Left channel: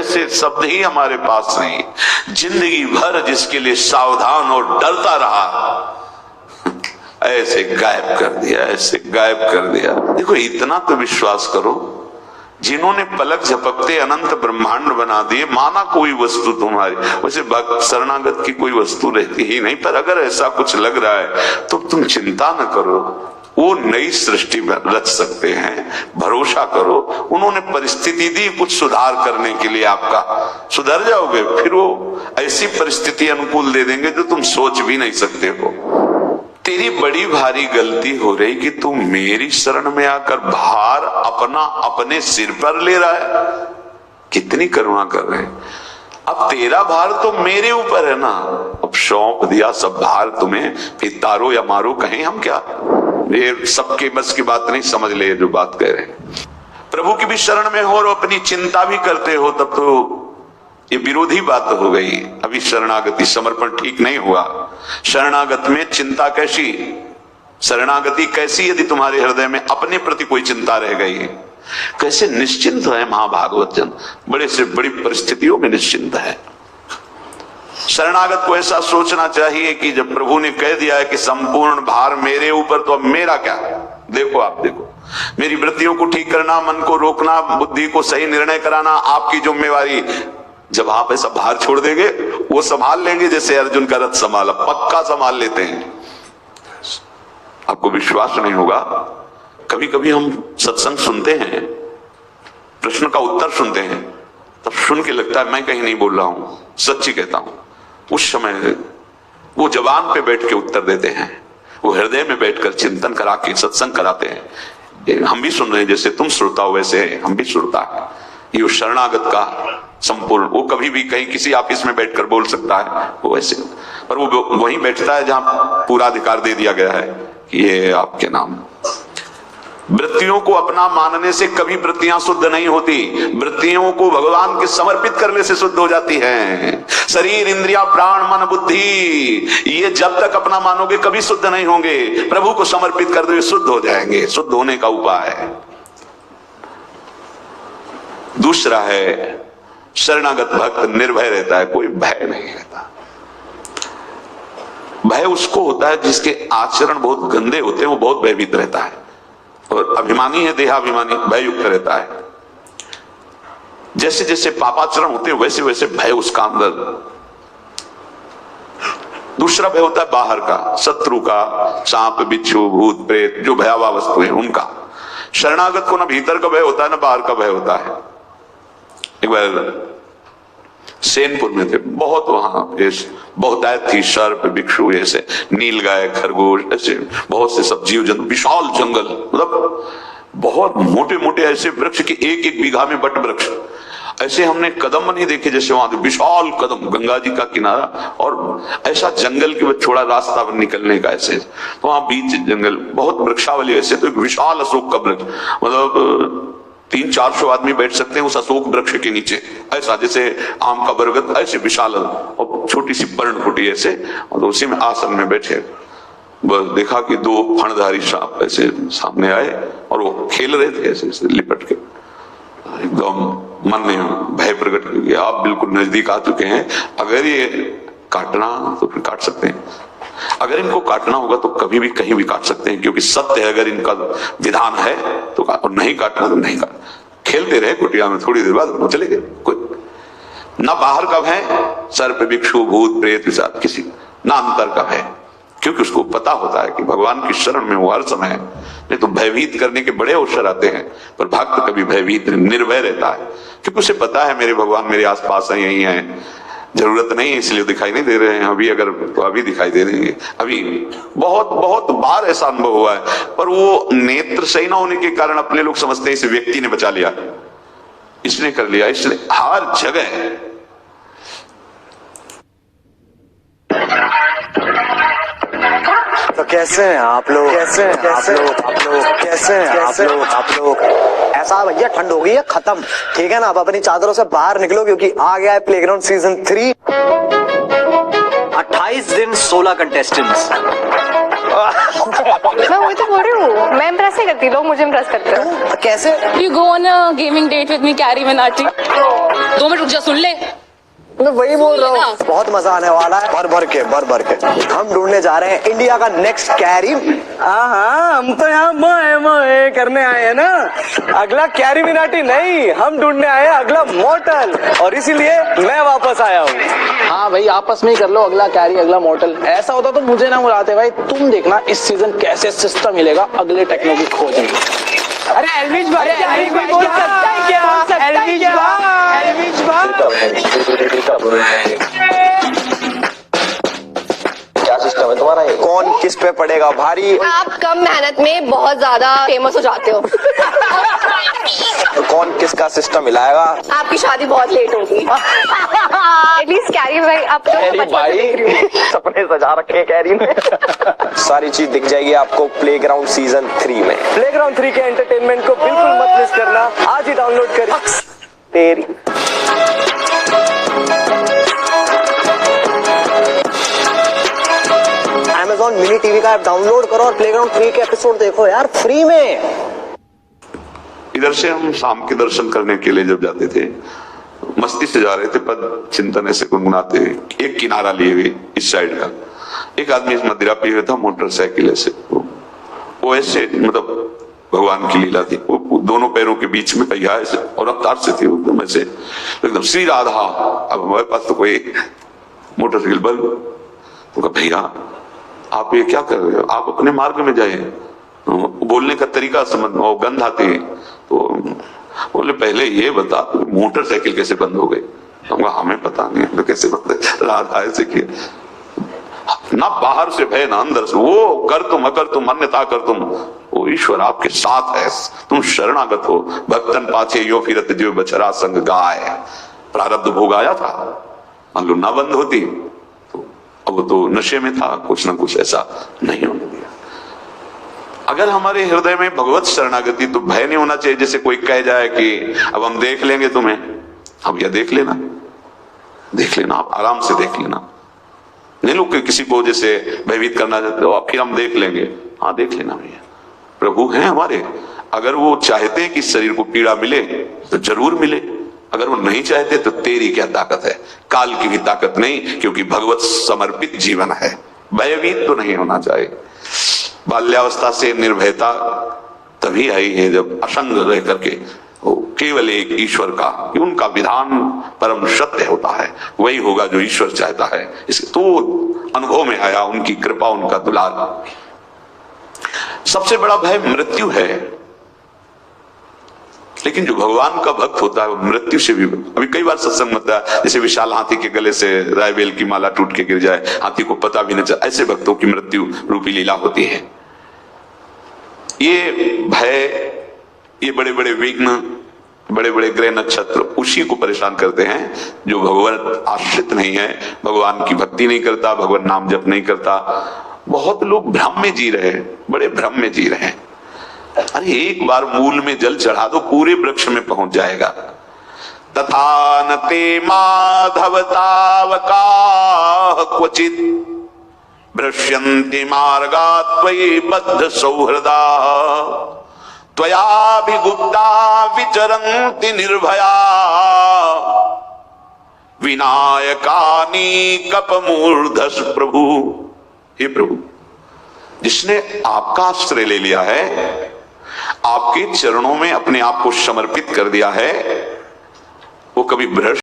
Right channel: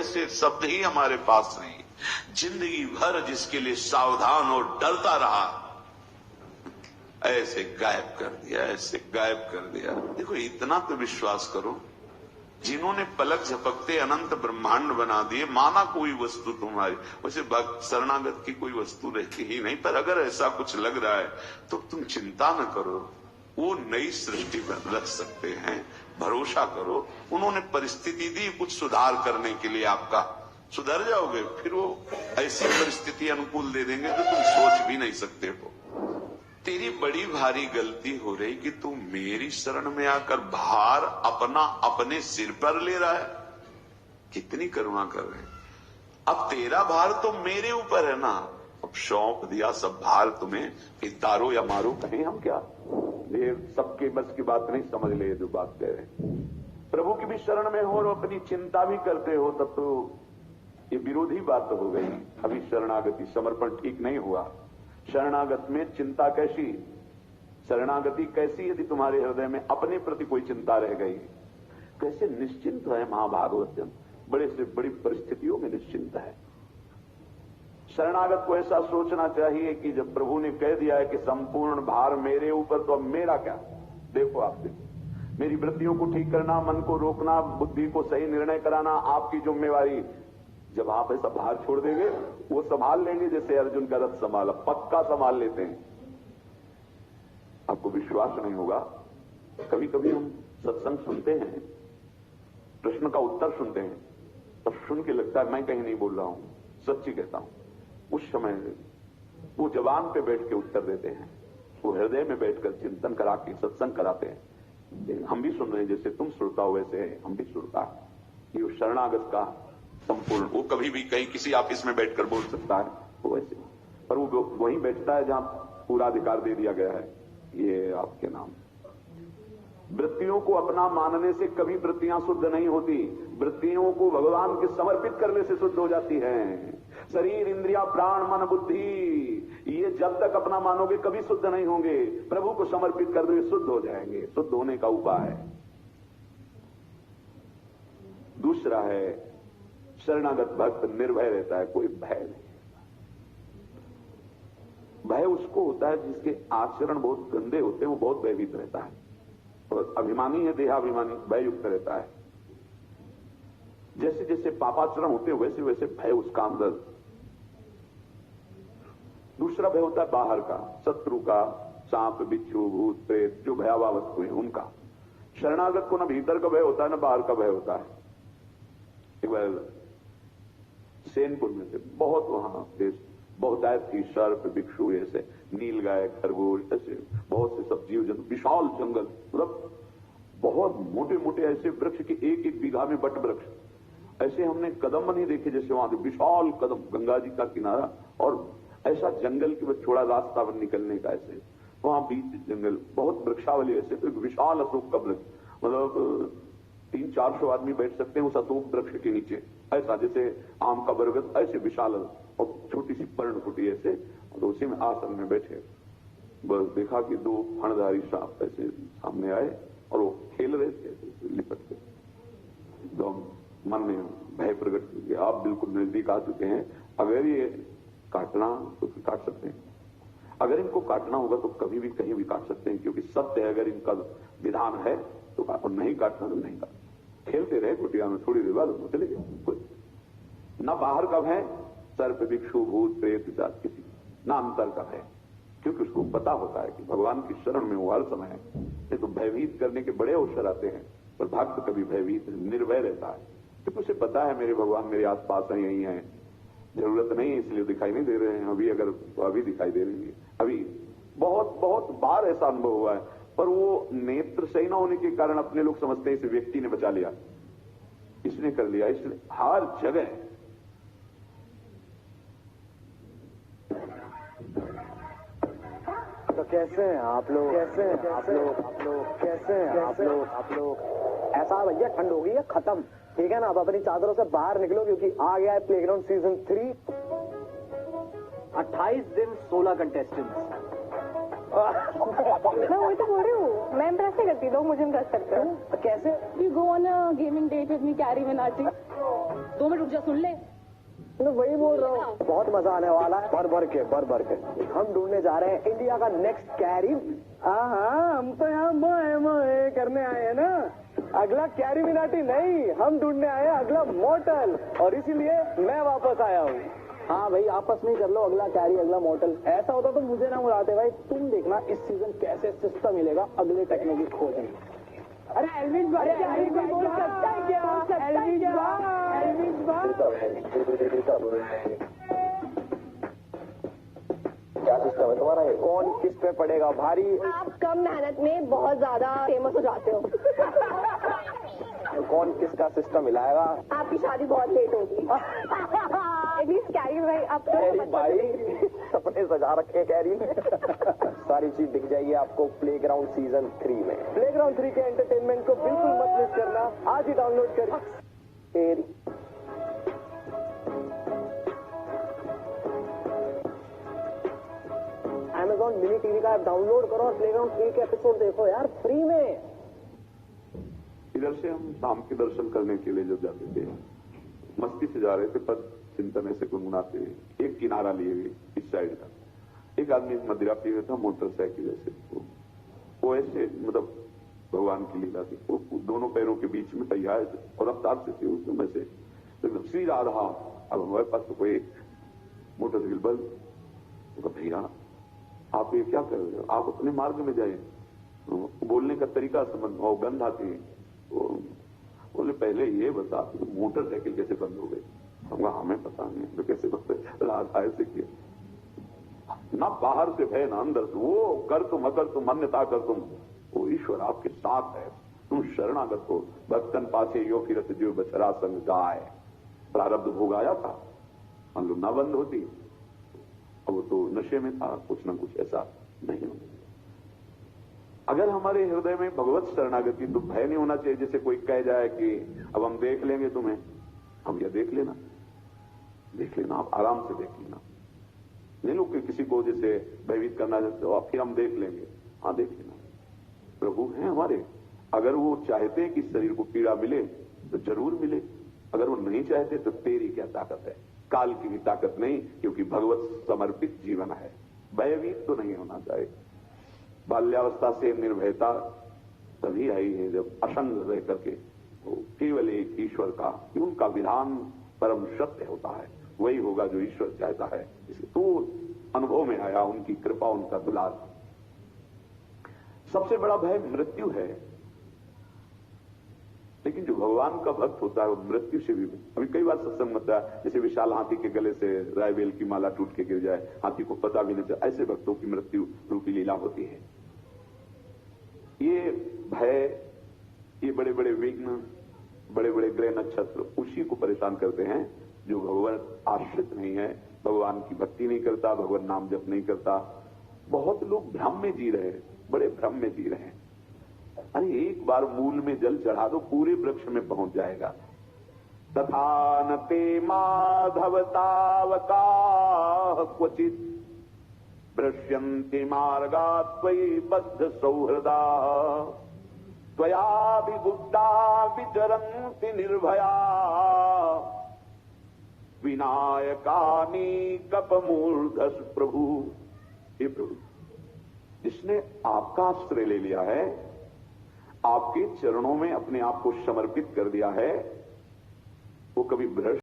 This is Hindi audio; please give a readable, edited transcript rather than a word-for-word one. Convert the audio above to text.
ऐसे शब्द ही हमारे पास नहीं। जिंदगी भर जिसके लिए सावधान और डरता रहा, ऐसे गायब कर दिया, ऐसे गायब कर दिया। देखो इतना तो विश्वास करो, जिन्होंने पलक झपकते अनंत ब्रह्मांड बना दिए, माना कोई वस्तु तुम्हारी, वैसे भक्त शरणागत की कोई वस्तु रहती ही नहीं, पर अगर ऐसा कुछ लग रहा है तो तुम चिंता न करो, वो नई सृष्टि रच सकते हैं, भरोसा करो। उन्होंने परिस्थिति दी कुछ सुधार करने के लिए, आपका सुधर जाओगे, फिर वो ऐसी परिस्थिति अनुकूल दे देंगे जो तुम सोच भी नहीं सकते हो। तेरी बड़ी भारी गलती हो रही कि तू मेरी शरण में आकर भार अपना अपने सिर पर ले रहा है। कितनी करुणा कर रहे हैं। अब तेरा भार तो मेरे ऊपर है ना, अब सौंप दिया सब भार तुम्हें, फिर तारो या मारो कहें हम क्या। ये सबके बस की बात नहीं, समझ ले जो बात कह रहे हैं। प्रभु की भी शरण में हो और अपनी चिंता भी करते हो, तब तो ये विरोधी बात हो गई। अभी शरणागति समर्पण ठीक नहीं हुआ। शरणागत में चिंता कैसी, शरणागति कैसी यदि तुम्हारे हृदय में अपने प्रति कोई चिंता रह गई है। कैसे निश्चिंत है महाभागवत जन, बड़े से बड़ी परिस्थितियों में निश्चिंत है। शरणागत को ऐसा सोचना चाहिए कि जब प्रभु ने कह दिया है कि संपूर्ण भार मेरे ऊपर, तो अब मेरा क्या। देखो आप देखो, मेरी वृत्तियों को ठीक करना, मन को रोकना, बुद्धि को सही निर्णय कराना आपकी जिम्मेवारी। जब आप ऐसा भार छोड़ देंगे, वो संभाल लेंगे, जैसे अर्जुन का रथ संभाला, पक्का संभाल लेते हैं। आपको विश्वास नहीं होगा, कभी कभी हम सत्संग सुनते हैं, प्रश्न का उत्तर सुनते हैं, तब सुन के लगता है मैं कहीं नहीं बोल रहा हूं, सच्ची कहता हूं। उस समय वो जबान पे बैठ के उत्तर देते हैं, वो हृदय में बैठकर चिंतन करा के सत्संग कराते हैं। हम भी सुन रहे हैं, जैसे तुम श्रोता हो वैसे हम भी श्रोता है। ये शरणागत का संपूर्ण, वो कभी भी कहीं किसी ऑफिस में बैठकर बोल सकता है, वो ऐसे, पर वो वहीं बैठता है जहां पूरा अधिकार दे दिया गया है कि ये आपके नाम। वृत्तियों को अपना मानने से कभी वृत्तियां शुद्ध नहीं होती, वृत्तियों को भगवान के समर्पित करने से शुद्ध हो जाती हैं। शरीर, इंद्रिया, प्राण, मन, बुद्धि, ये जब तक अपना मानोगे कभी शुद्ध नहीं होंगे। प्रभु को समर्पित कर दो, शुद्ध हो जाएंगे। शुद्ध होने का उपाय है। दूसरा है, शरणागत भक्त निर्भय रहता है, कोई भय नहीं रहता। भय उसको होता है जिसके आचरण बहुत गंदे होते हैं, वो बहुत भयभीत रहता है। और अभिमानी है, देहाभिमानी, भय युक्त रहता है। जैसे जैसे पापाचरण होते हैं वैसे वैसे भय उसका अंदर। दूसरा भय होता है बाहर का, शत्रु का, सांप, बिच्छू, भूत, प्रेत, जो भयावह वस्तु है उनका। शरणागत को ना भीतर का भय होता है ना बाहर का भय होता है। एक बार सेनपुर में थे, बहुत वहां बहुतायत थी, सर्प, भिक्षु, ऐसे नीलगाय, खरगोश, ऐसे बहुत से सब जीव जंतु, विशाल जंगल, मतलब बहुत मोटे मोटे ऐसे वृक्ष की एक एक बीघा में बट वृक्ष। ऐसे हमने कदम नहीं देखे जैसे वहां विशाल कदम, गंगा जी का किनारा, और ऐसा जंगल के छोड़ा रास्ता निकलने का ऐसे, तो वहां बीच जंगल, बहुत वृक्षावली ऐसे, तो एक विशाल अशोक का वृक्ष, मतलब 300-400 आदमी बैठ सकते हैं उस अशोक वृक्ष के नीचे, ऐसा जैसे आम का बरगद, ऐसे विशाल, और छोटी सी पर्णकुटी ऐसे, और उसी में आसन में बैठे। बस देखा कि 2 फणधारी सांप ऐसे सामने आए और वो खेल रहे थे ऐसे ऐसे लिपट के। एकदम मन में भय प्रकट किया, आप बिल्कुल नजदीक आ चुके हैं, अगर ये काटना तो फिर काट सकते हैं, अगर इनको काटना होगा तो कभी भी कहीं भी काट सकते हैं, क्योंकि सत्य है, अगर इनका विधान है तो और नहीं काटना तो नहीं काट। खेलते रहे कुटिया में, थोड़ी देर बाद चले गए। कोई ना बाहर का भय, सर्प, भिक्षु, भूत, प्रेत, पिशाच, किसी ना अंतर का भय, क्योंकि उसको पता होता है कि भगवान की शरण में वो हर समय। नहीं तो भयभीत करने के बड़े अवसर आते हैं, पर भक्त कभी भयभीत निर्भय रहता है, क्योंकि उसे पता है मेरे भगवान मेरे आसपास है, यही है, जरूरत नहीं है इसलिए दिखाई नहीं दे रहे हैं। अभी अगर तो अभी दिखाई दे देंगे। अभी बहुत बहुत बार ऐसा अनुभव हुआ है, पर वो नेत्र सही ना होने के कारण अपने लोग समझते हैं इस व्यक्ति ने बचा लिया, इसने कर लिया, इसलिए हर जगह। तो कैसे हैं आप लोग, कैसे हैं कैसे आप लोग, कैसे हैं आप लोग। ऐसा भैया ठंड हो गई है खत्म, ठीक है ना। अब अपनी चादरों से बाहर निकलो, क्योंकि आ गया है प्लेग्राउंड सीजन 3। 28 दिन 16 कंटेस्टेंट्स, मैं वही तो बोल रही हूँ, मैं इम्प्रेस नहीं करती, लोग मुझे इम्प्रेस करते हैं। कैसे? You go on a gaming date with me, Carrie Minati. 2 minute रुक जा, सुन ले। मैं वही बोल रहा हूँ, बहुत मजा आने वाला है, भर भर के हम ढूंढने जा रहे हैं इंडिया का नेक्स्ट कैरी। हाँ, हम तो यहाँ मोए करने आए हैं ना। अगला कैरी मिनाटी नहीं, हम ढूंढने आए हैं अगला मॉर्टल, और इसीलिए मैं वापस आया हूँ। हाँ भाई, आपस में ही कर लो, अगला कैरी अगला मॉर्टल। ऐसा होता तो मुझे ना बुलाते भाई। तुम देखना इस सीजन कैसे सिस्टम मिलेगा अगले टेक्नो की खोज में। अरे एल्विश भाई, बोल सकता है क्या? एल्विश क्या सिस्टम है तुम्हारा? कौन किस पे पड़ेगा भारी? आप कम मेहनत में बहुत ज्यादा फेमस हो जाते हो। तो कौन किसका सिस्टम हिलाएगा? आपकी शादी बहुत लेट होगी। एटलीस्ट कैरी भाई, आप तो बचपन से देख रही हूँ। सपने सजा रखे कैरी ने। सारी चीज दिख जाएगी आपको प्लेग्राउंड सीजन 3 में। प्लेग्राउंड 3 के एंटरटेनमेंट को बिल्कुल मत मिस करना, आज ही डाउनलोड करिए। तेरी Amazon मिनी टीवी का ऐप डाउनलोड करो और प्लेग्राउंड 3 के एपिसोड देखो यार, फ्री में। इधर से हम शाम के दर्शन करने के लिए जब जाते थे, मस्ती से जा रहे थे, पद चिंतन ऐसे गुनगुनाते, एक किनारा लिए हुए इस साइड का, एक आदमी मदिरा पिए हुआ था मोटरसाइकिल ऐसे, वो ऐसे मतलब भगवान की लीला थी, वो दोनों पैरों के बीच में पहिया ऐसे और रफ्तार से थी एकदम ऐसे, एकदम श्री राधा। अब हमारे पास तो कोई मोटरसाइकिल बल, तो कहा भैया आप ये क्या कर रहे हो, आप अपने मार्ग में जाए। बोलने का तरीका समझ में, गंध आती है, तो बोले पहले ये बता मोटरसाइकिल कैसे बंद हो गई? तो हमें पता नहीं तो कैसे बंद है, राधा ऐसे किया ना, बाहर से भय ना अंदर से, वो कर तुम अकर तुम अन्यथा कर तुम, वो ईश्वर आपके साथ है, तुम शरणागत हो। भक्तन पाछे यो फिरत जो बछरा संग गाय। प्रारब्ध भोग आया था, मान लो ना बंद होती तो अब तो नशे में था, कुछ ना कुछ ऐसा नहीं होने दिया। अगर हमारे हृदय में भगवत शरणागति, तो भय नहीं होना चाहिए जैसे कोई कह जाए कि अब हम देख लेंगे तुम्हें। अब यह देख लेना, आप आराम से देख लेना, नहीं लोग किसी को जैसे भयभीत करना चाहते हो, फिर हम देख लेंगे। हाँ देख लेना भैया, प्रभु हैं हमारे, अगर वो चाहते हैं कि शरीर को पीड़ा मिले तो जरूर मिले, अगर वो नहीं चाहते तो तेरी क्या ताकत है? काल की भी ताकत नहीं, क्योंकि भगवत समर्पित जीवन है, भयभीत तो नहीं होना चाहिए। बाल्यावस्था से निर्भयता तभी आई है जब असंग रह करके वो केवल एक ईश्वर का, कि उनका विधान परम सत्य होता है, वही होगा जो ईश्वर चाहता है। इसके तो अनुभव में आया उनकी कृपा, उनका दुलार। सबसे बड़ा भय मृत्यु है, लेकिन जो भगवान का भक्त होता है वो मृत्यु से भी, अभी कई बार सत्संग में है, जैसे विशाल हाथी के गले से रायबेल की माला टूट के गिर जाए, हाथी को पता भी नहीं चला, ऐसे भक्तों की मृत्यु रूपी लीला होती है। ये भय, ये बड़े बड़े विघ्न, बड़े बड़े ग्रह नक्षत्र उसी को परेशान करते हैं जो भगवान आश्रित नहीं है, भगवान की भक्ति नहीं करता, भगवान नाम जप नहीं करता। बहुत लोग भ्रम में जी रहे हैं, बड़े भ्रम में जी रहे हैं। अरे एक बार मूल में जल चढ़ा दो, पूरे वृक्ष में पहुंच जाएगा। तथा न ते माधव तावका क्वचित भ्रश्यन्ति मार्गा त्वयि बद्ध सौहृदा, त्वयाभिगुप्ता विचरन्ति निर्भया, विनायकानि कपमूर्धस प्रभु। हे प्रभु, जिसने आपका आश्रय ले लिया है, आपके चरणों में अपने आप को समर्पित कर दिया है, वो कभी भ्रष्ट